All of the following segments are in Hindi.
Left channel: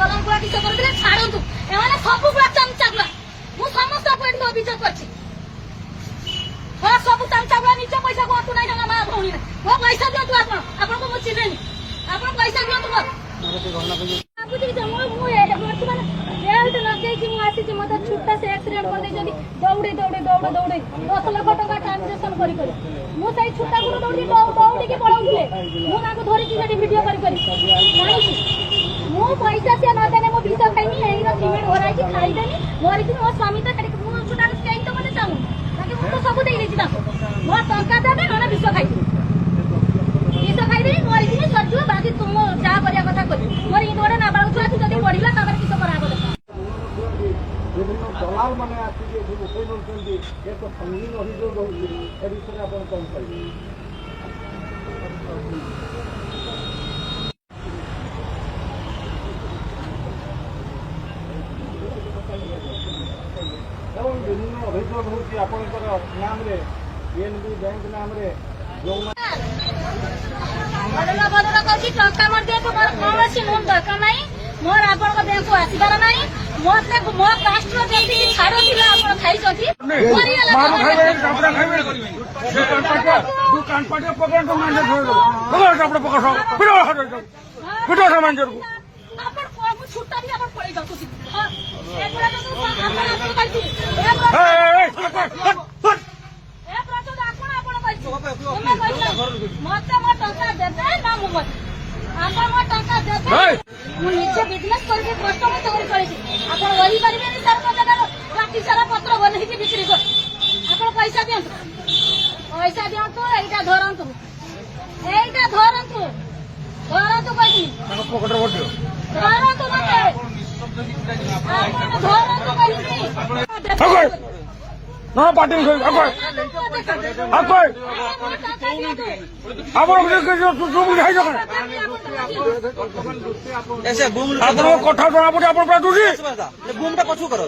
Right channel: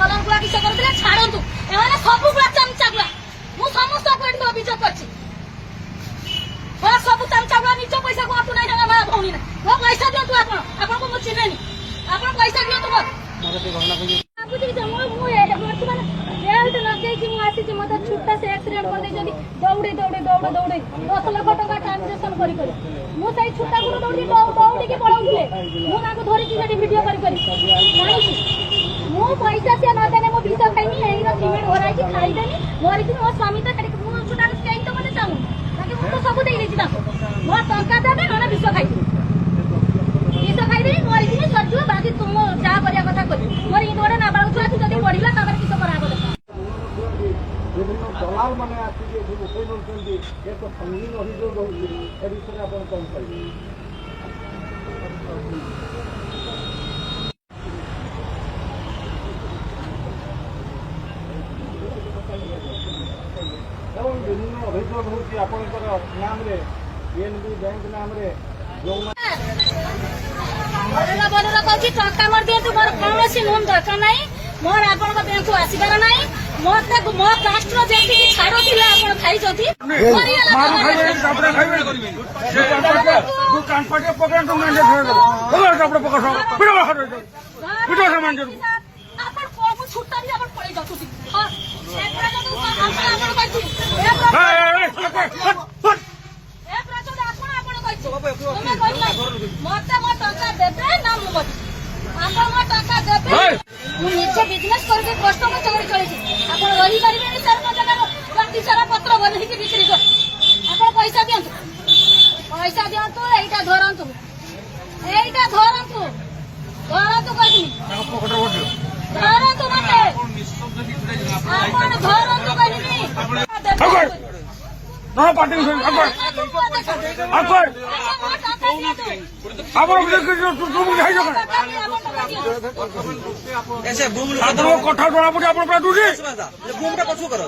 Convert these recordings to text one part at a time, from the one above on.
कलर गुड़ा किस करते छाड़ू एमाने सब गुड़ा चमचा गुड़ा मुझे समस्त एट अभियोग कर सब चमचा गुड़ा निज पैसा को आटू ना भौणी मो पैसा दिंतु आपको मुझे चिन्हेनि आप पैसा दिंतु बर्तमान बेल्ट लगे आसी मत छुट्टा से एक्सीडेंट कर दौड़ी दौड़ी दौड़ दौड़ी 10 लाख टका ट्रांजेक्शन कर मुझे छुट्टा गुरु दौड़ी दौड़ी पलाऊे मुझे धरिकी भिडियो कर मु पैसा सी नदेने मो विष खाइनी सिमेंट भराई खाईदेनी मरीजी मो स्वामी तो छुट्टा कहीं तो मत चाहूँ मुझे सब दे मो टंका देवे ना विष खाई विष खाईदे मरीजी सर बाकी तुम जहाँ करने कथा कर मोर इन गोटे नाबालक छुआ जब पढ़ला किस कराब বিভিন্ন দলাল মানে আসিকি যে উঠে নৌଛନ୍ତି এ তো সঙ্গীন অভিযোগ রয়েছে এ বিষয়ে আপনার কম পাইবে এবং বিভিন্ন অভিযোগ হচ্ছে আপনার নামে পিএনবি ব্যাংক নামে मोर आपण बैंक को आसबार नहीं मोर मो कास्ट जेबी छाड़ू खाई छुट्टा भी पड़े मत मो टका देते ना मुझे आप मो टका देते मुझे बिजनेस करके कष्ट में चली चली आप रही पारे सर मो जगह बाकी सारा पत्र बनई बिक्री कर आप पैसा दिंतु यहाँ धरतु यहीटा धरतु धरतु कही धरतु मत आप धरतु कही ऐसे घूम कथा जना पड़े घूमटा पछू करो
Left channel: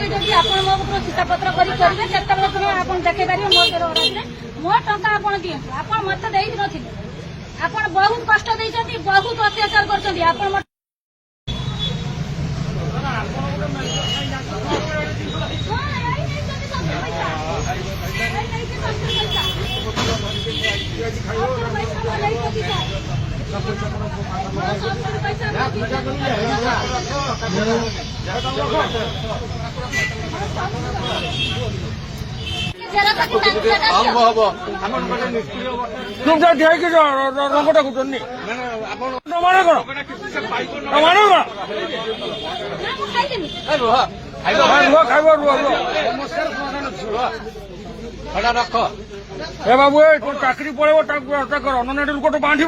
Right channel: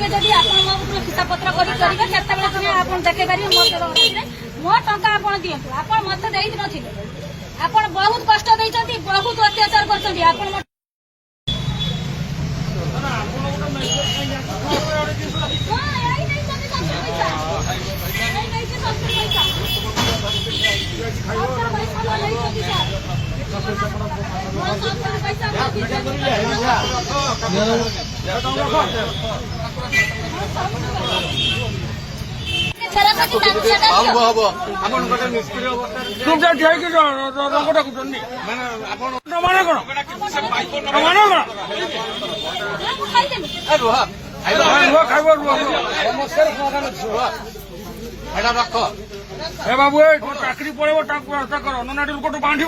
हिसाब पत्र करेंगे देखे पारे मो टंका आप दिंतु आप मत देती आप बहुत कष्ट देती बहुत अत्याचार कर रख बाबू चाकरी पड़े करो ना बांध